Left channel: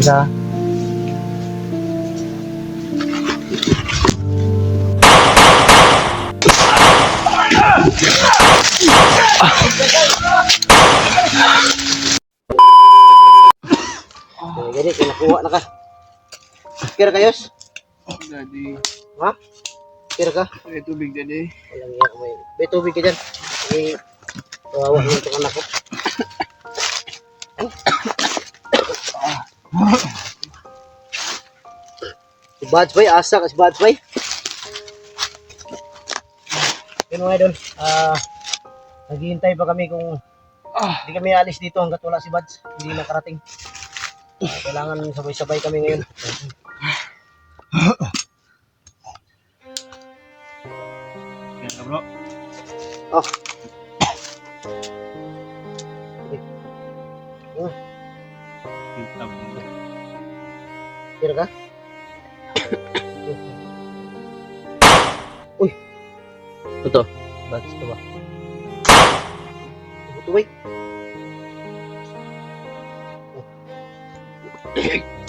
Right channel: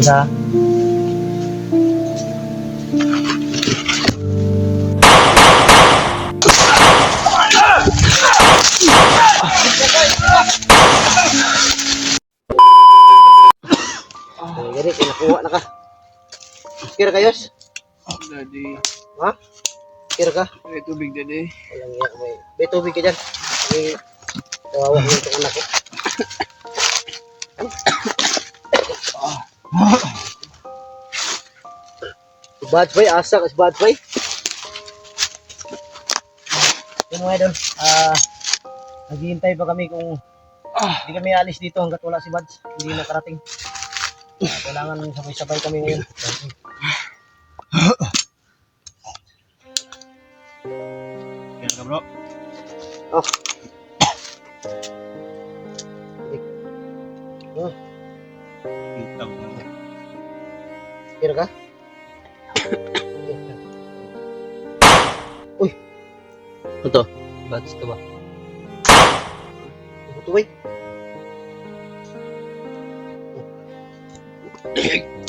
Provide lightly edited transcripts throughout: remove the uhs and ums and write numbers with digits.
Sa Gani, kinakuha na ka. Kira kayos? Daddy, Ha? Kira ka? may tubig daddy. Walang iya, may tubig ka dyan. Kawawa yung itong anak ko. Si Bads Bay, asa ka si Bads Bay. Yun mga idol, naghihintay pa kami kung hindi kami alis dito hanggat wala si Bads. Hindi nakarating. Kailangan sabay-sabay kami ngayon. Kaya bro. Oh. Oh, kira ka? Uy. Ito. Bads to ba? Ito bay.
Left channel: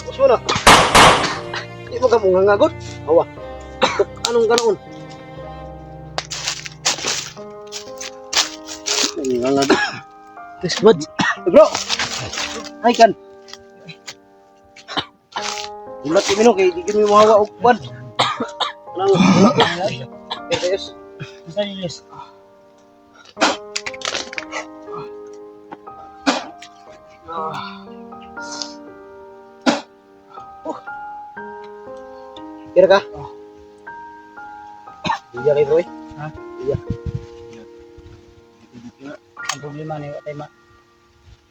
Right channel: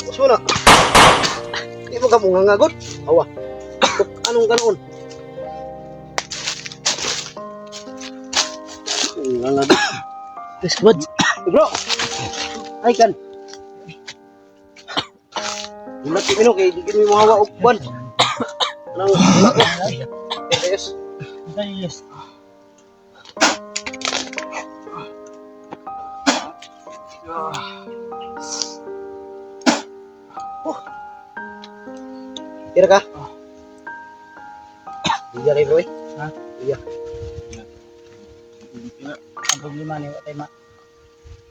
Mas wala. Di mo ka mong ngangagot? Awa. Anong ganoon? Ngangagot. This Bads. Bro. Ay kan. Ulat ko mino kay di kini mo hawa og ban. Nang ulat ko. Yes. Sa yes. Kira ka? Iya kay bro. Ha? Iya. Ang problema ni Watay ma.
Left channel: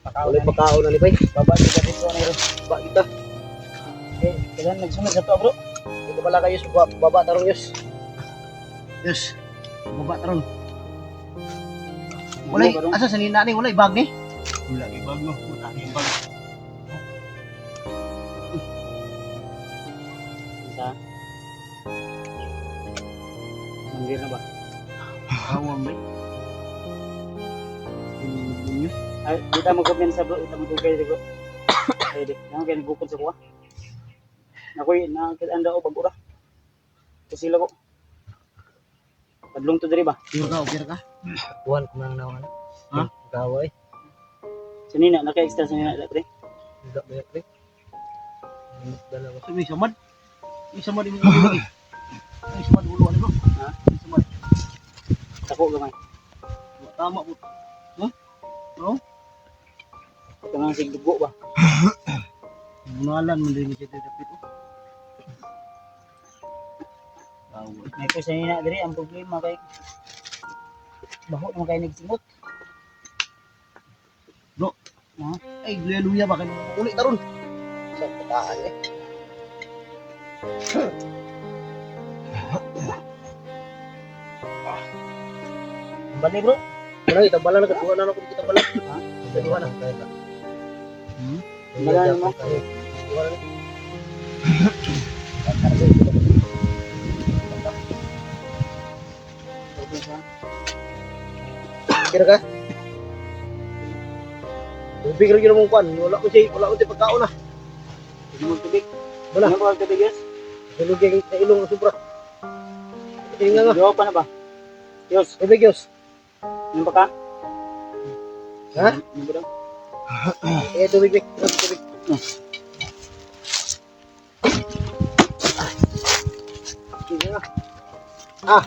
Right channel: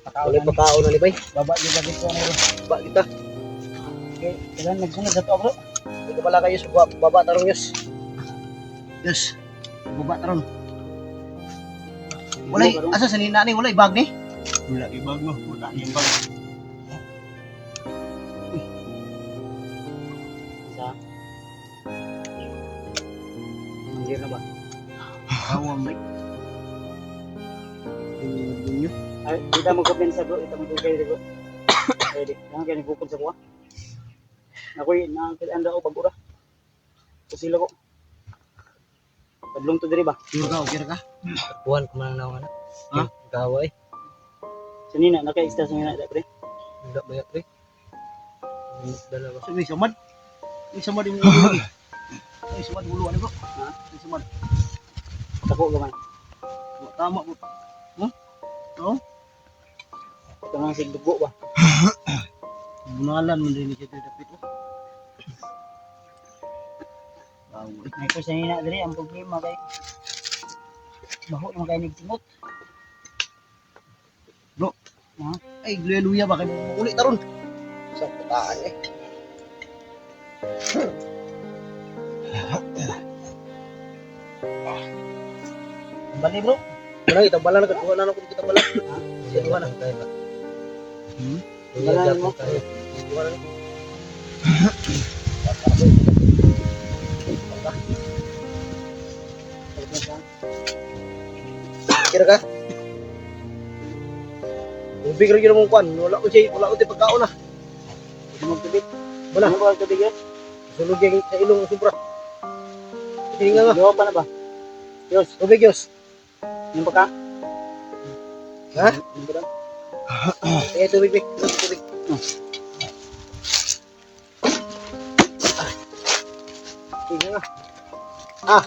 Wala pagkaon na ni bay. Baba di dati ko ni. Ba kita. Okay, kailan nagsunod sa to bro? Di ka pala kayo sa baba tarong yus. Yus. Baba tarong. Walay asa sa nina ni walay bag ni. Wala kay bago. Wala kay bago. Sa Hindi na ba? Awam bay. Bunyo. Ay, kita mo gaben sa bro, ito mo kay bro. Pwede. Nang kay nagukon sa kuha. Nakoy na anda ko pag-ura. Kusila ko. Padlong to diri ba? Kira ka? Buwan ko man naman. Ha? Gaway. Sanina naka-extra sanina pre. Enggak banyak pre. Dalawa. Sabi samad. May samad yung ulo lagi. May samad ulo ani bro. Ha? May samad. Tako gamay. Tama po. Ha? Oo. Kanang sig dugo ba? Bunalan man din siya dapit oh. Away. May ko sanina diri ang problema kay baho mo kay nagsimot. Bro. Ha? Ay, hallelujah ba kayo ulit taron. Sa putaan eh. Bali bro. Wala kita bala na kaduha na ako kita bala. Kaduha na. Wala na no. Kaduha na. Kira ka? Tubig rin yung mong kwan. Wala ko siya pagkaon na. Hindi mo tubig. Wala. Ano ba tubig yes? Sulog yung sa ilong ng sobra. Tingnan nga. Gawa pa na ba? Yos, Tubig yos. yung pa ka? Ha? Yung ba daw? Tubig. Tubig. Tingnan nga. Ah.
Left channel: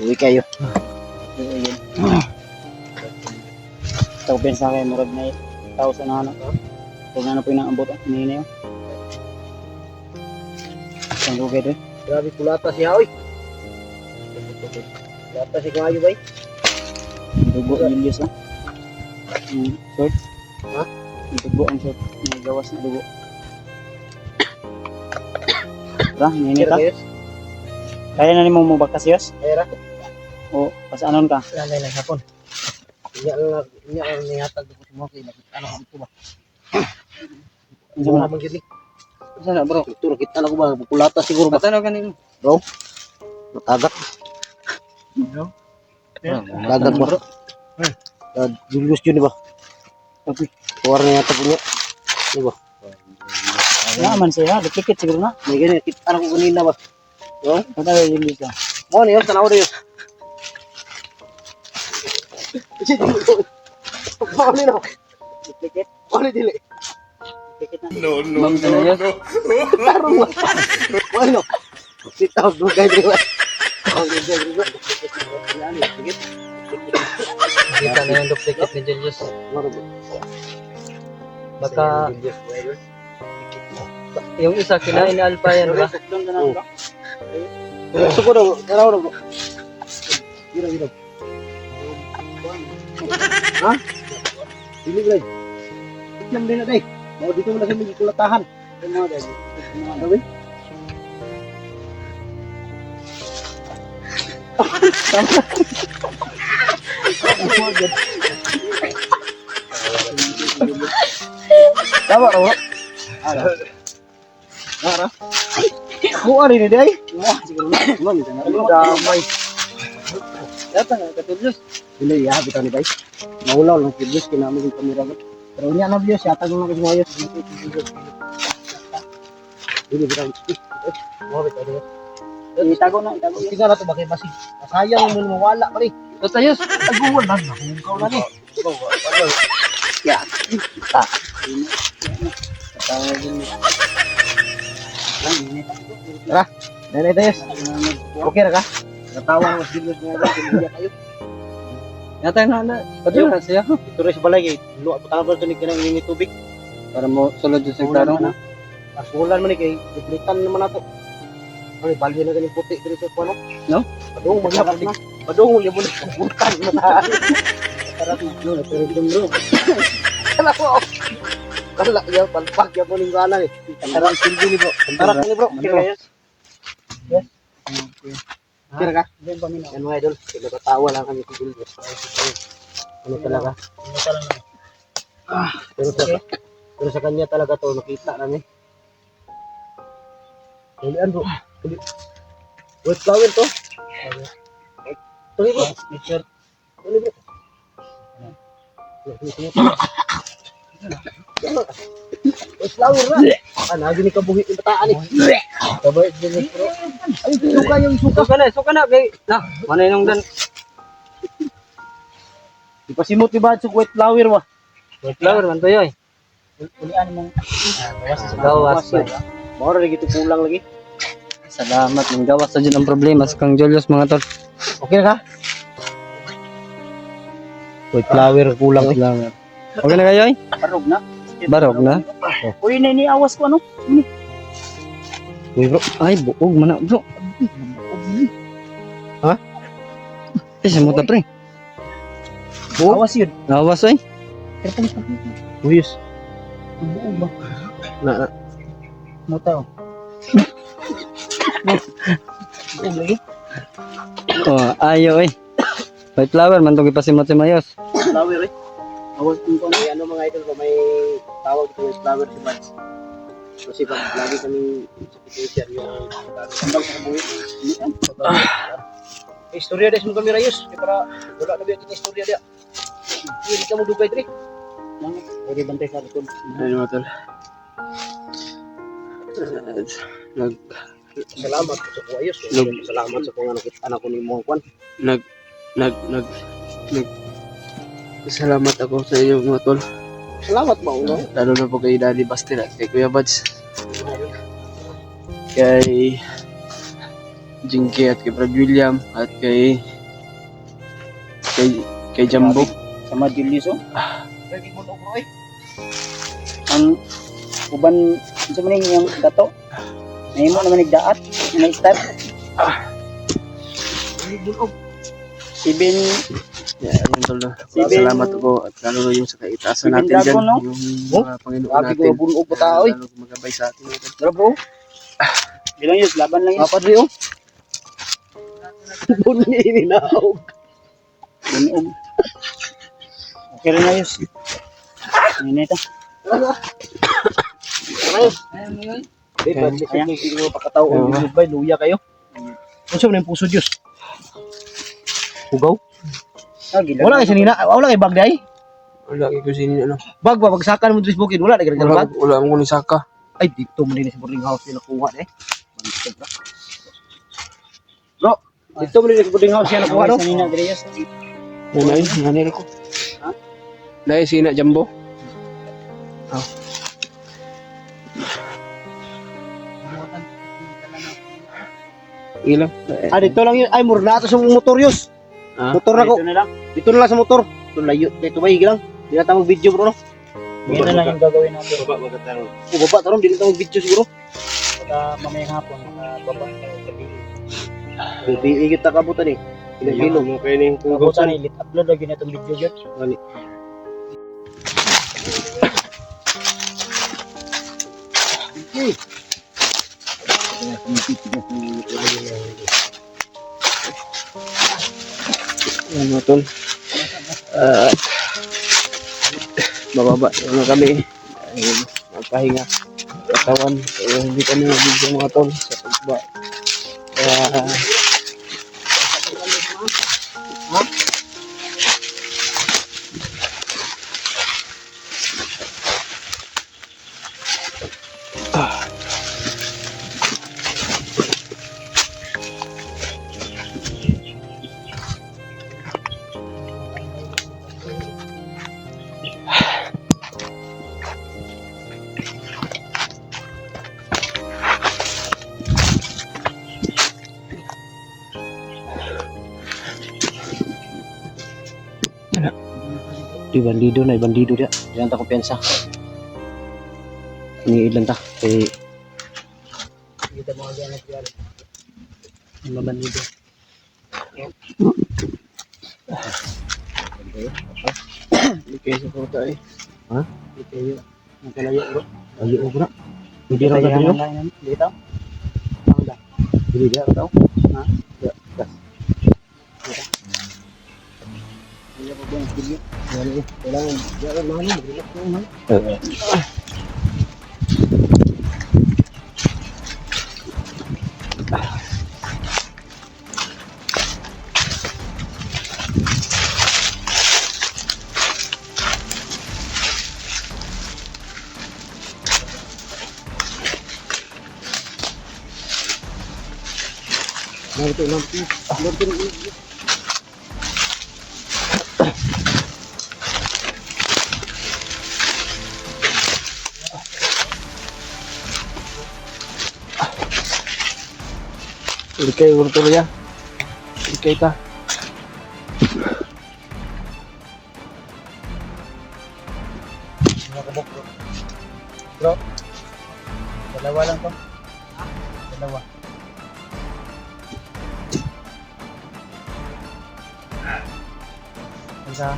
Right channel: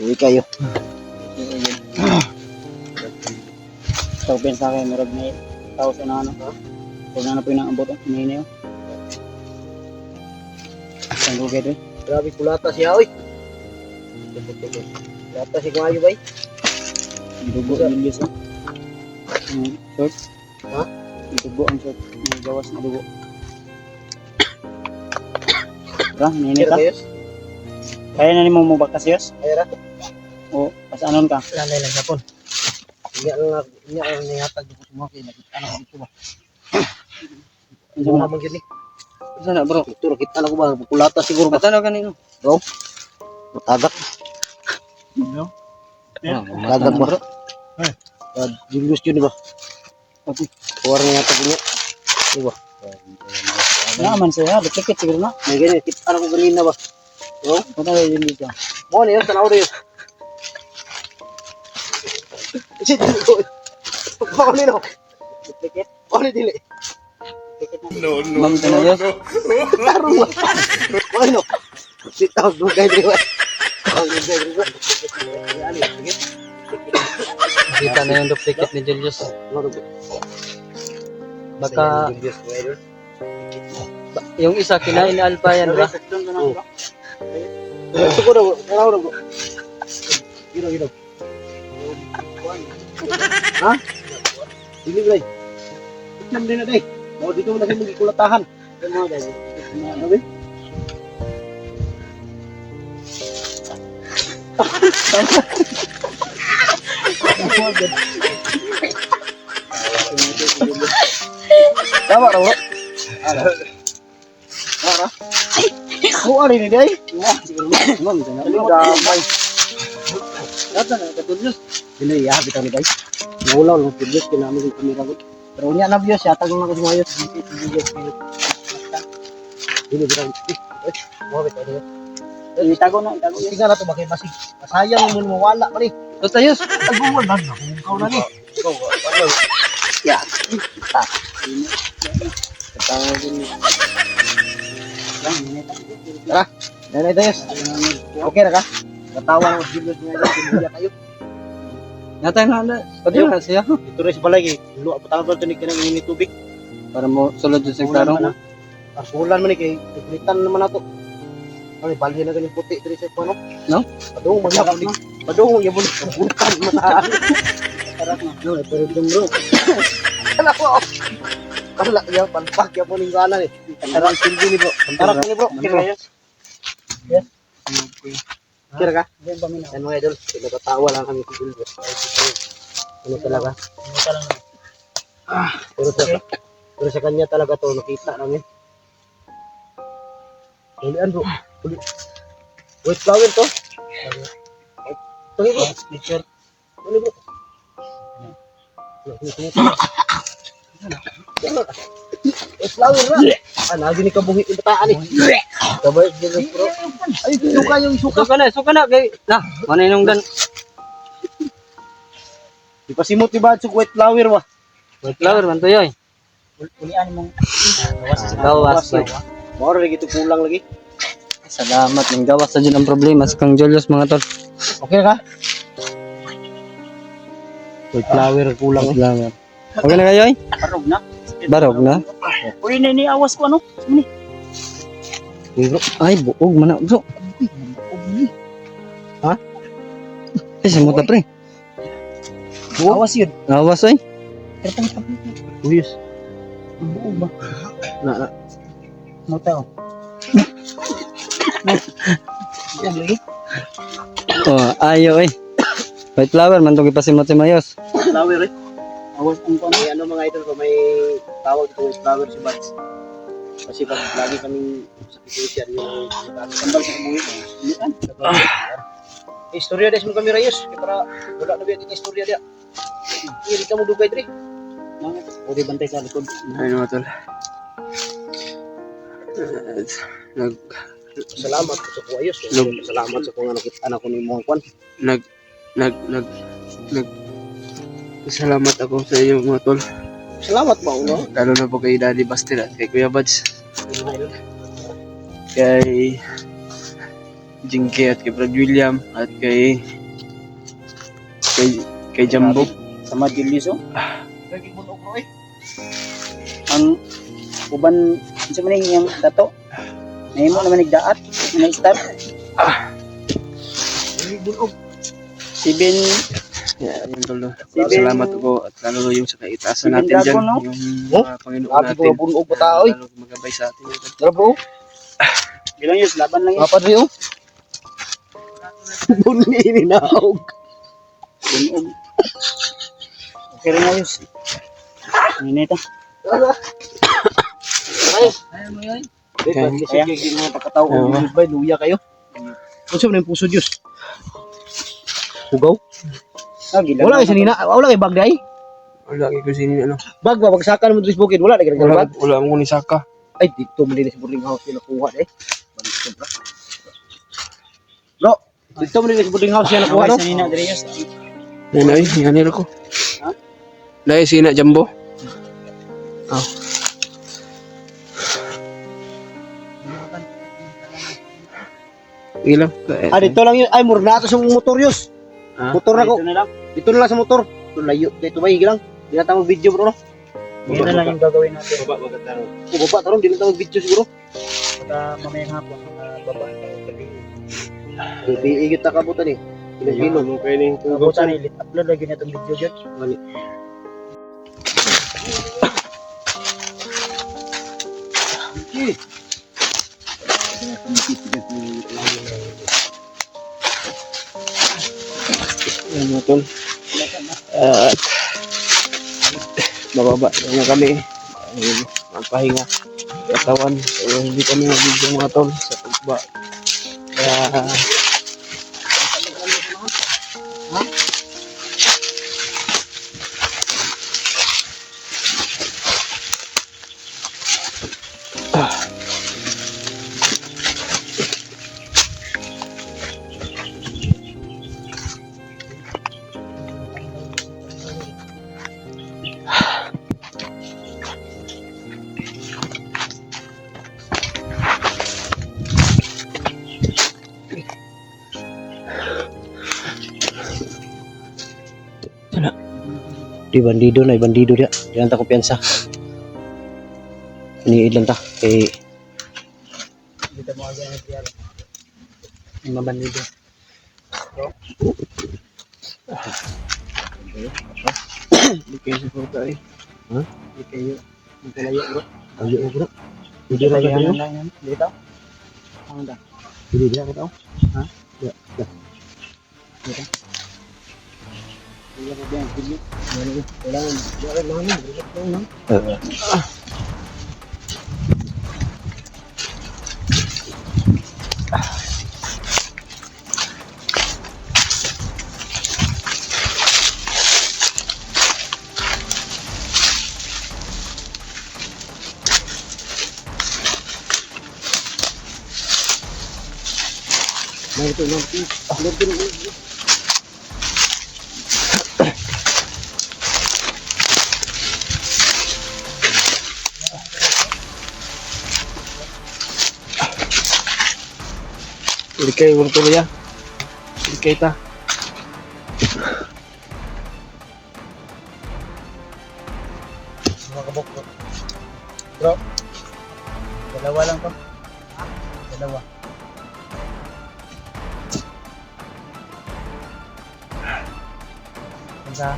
Uwi kayo. Ito ko sa akin, murag may tao sa nano. Kung ano po yung naambot, hinihini yun. Isang lugay doon. Grabe kulata siya oy. Kulata si Kumayo bay. Dugo yung Diyos, oh. Short. Ha? Dugo ang short. May gawas na dugo. Tara, hinihini Kira ka. kayos. Kaya na ni mo bakas yos? Kaya O, pasanon ka? lalay lang sapon. Inya lang nihatag ko sa mga kay nakita ano ko ba. Ano Mga na? man gyud ni. Sana bro. Ito kita na ko ba kulata siguro ba. Patano kanino? Bro. Matagak. Yo. Matagak ba? Julius yun ba? Kuwar na yata ko. Di ba? Naman siya, duplicate siguro na. May ganyan, kita na ko kanina ba? Yo, Punta na yun dito. mo niyo, tanaw niyo. Shit, ko. Mo ni no. Duplicate. Mo ni dili. Duplicate na. No, Ma'am Daniel. Tarong ba? Mo ni no. Sit down, do guys. Kita na yung duplicate ni Julius. Baka yung isa kinain ni Alpha yan, bro. Doon ka na bro. Gusto ko daw, tanaw na bro. Gino. Ha? Dili ba? Itam din na day. Mo dito na siya magikulatahan. Doon mo dahil. Ano ba? Tama na bro. Ara. Ako ari ni day. Siguro na. Ma'am, sana mo damay. Data na katulog. Dili ya bitaw ni day. Naulaw lang si Diyos kinamo yung kamera ko. Pero unya na Diyos yata nang ako sumayos. Dili bitaw. Mo bitaw ni. Itago na, itago. Tingnan na to bakit basig. Masayang mo mawala pa ni. Basta yus. Aguwan na ikaw na ni. Ya. Ah. Tara, nanay Diyos. Okay na ka? Natawa na mas Diyos nga dyan. Kiniya tayo. Natay na na. Padiyo ka siya. Ito rin sa balay. Luwa po tayo ito ni kinang ini tubig. Para mo sulod sa klarong. Arsulan man ni kay ibritan naman nato. Ay, balhin na ganing puti diri sa kuno. No? Padung magyapon ni. Padung magyapon ni kaputan mata. Para no, pero dum bro. Kala ko. Kala ya palpak yapon ning gana ni. Tarang silbi ni bro. Tarang ni bro. Kira. Kira ka? Diyan pa mina. Yan mga idol, nagkatawa lang kami sa Julio. Ano talaga? Ano pa lang. Pero sa kanya talaga to nakita namin. Ulian bro. Wait flower to. Ito bro. Picture. Uli bro. Wait flower na. Ah, lagi ni kabuhi yung bataan eh. Kabay din bro. Ay, suka yung suka. Suka na kay. Na, mana yung dan. Di pa simot di ba sa white flower wa? Flower man to yoy. Ulian mong gawas sa Gawas. Moro lagi to kulang lagi. Salamat ng gawas sa dyan ang problema sa kang Julius mga tol. Okay na ka? White flower kulang eh. Salamat. Okay na kayo eh? Barog na. Barog na? Uy, awas ko ano? Uy bro, ay buog man na bro. Ha? Kasi mo ta pre. Awas yun. Awas ay. Views. Buo ba? Na. Mata oh. Buo lagi. Oh, ayo eh. White flower man to gipasimot si Mayos. Flower eh. Awas ang kuno. May ano mga idol ko may tawag dito white flower si Bats. Kasi pag lagi kaming sa petition yung Sandal sa buhi. Ulian. istorya des mo kami rayos para wala na dito istorya dia. Hindi ka mo dugay diri. Pwede bantay sa likod. Ayun mga tol. Nag Salamat po sa kuwayos. Salamat sa kung nakita anak ko ni mo kwan. nag salamat ako sa inyo mga tol. Salamat ba uno? Lalo na po kay Daddy Bastir at kay Kuya Buds. Kay Jinky at kay Brad William at kay Jumbo. Sama Julius oh. Lagi mo bro eh. Ang uban sa maning yung dato. Nahimo naman nagdaat. Na-start. Lagi bulog. 7 Yeah, ayun tol. Salamat ako at lalo na yung sa kaitaasan natin Dragon, dyan. no? Yung Oh? mga Panginoon Lagi natin. ko bulog pa tao eh. Lalo magabay sa atin. Tara bro. Bilang yun, laban lang yun. Apa diri oh? Bunyi ni naog. Binuog. Okay rin ayos. Minita. Ayos. Ayan mo yoy. Di ba, Ayan. lisod kayo yung mga pagkatao. Oo. Yung ba, luya kayo. Ano siya yung puso Diyos? Hugaw? Wala kayo sanina. Wala kayo bag day? Wala kay ko sini ano. Bag ba, bagsakan mo dito sa bukid. Wala na kayo Wala bag. wala mo ni saka. Ay, dito mo din sa boarding house yung nakuha eh. Balik bro. Bro, dito mo din sa boarding house yung nakuha no? Sa nina Andreas. Yan ay, yan ko. Ha? Dai sina jumbo. Ilang? Ah, dito lang yun. Ay, mura na ito sa motor yus. Ah, Motor na ko. Ito na lang. Dito na lang sa motor. Dito layo. Dito ba lang. Di na tayo video bro no? Ito na lang ang gagawin natin. O baba taron, di na tayo video siguro. Pagka mamayang hapon, baba tayo sa bilis. Biigit na kabutan eh. Kilo-kilo. mo kayo ning Kabutan ni upload lagi na itong video yun. Yan mga tol. At bababa na kami dahil magpahinga katawan. So, hindi kami mag-video mga tol sa pagba. Kaya Di bandido na, bandido dia. Di lang ta kumpiyansa. Iniid lang ta. Kay Kita mo agad na siya. mabandido. hindi kayo support ay. Hindi kayo. Magkalayo bro. Ayo bro. Hindi ra ta bro. Dito. Hindi dia ra tao. Hindi ko bilang video. Kailangan diyan mana relax lang no. Nah itu nanti, Hindi kayo tuloy ya. Hindi kayo ta. Nakabok bro. Bro. Dalawa lang to. Dalawa. Isa.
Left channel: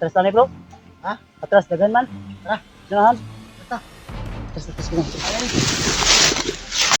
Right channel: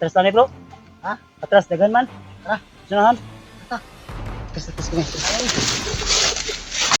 Atras tani bro? Ha? Atras dagan man? Tara, sunahan. Atras kami.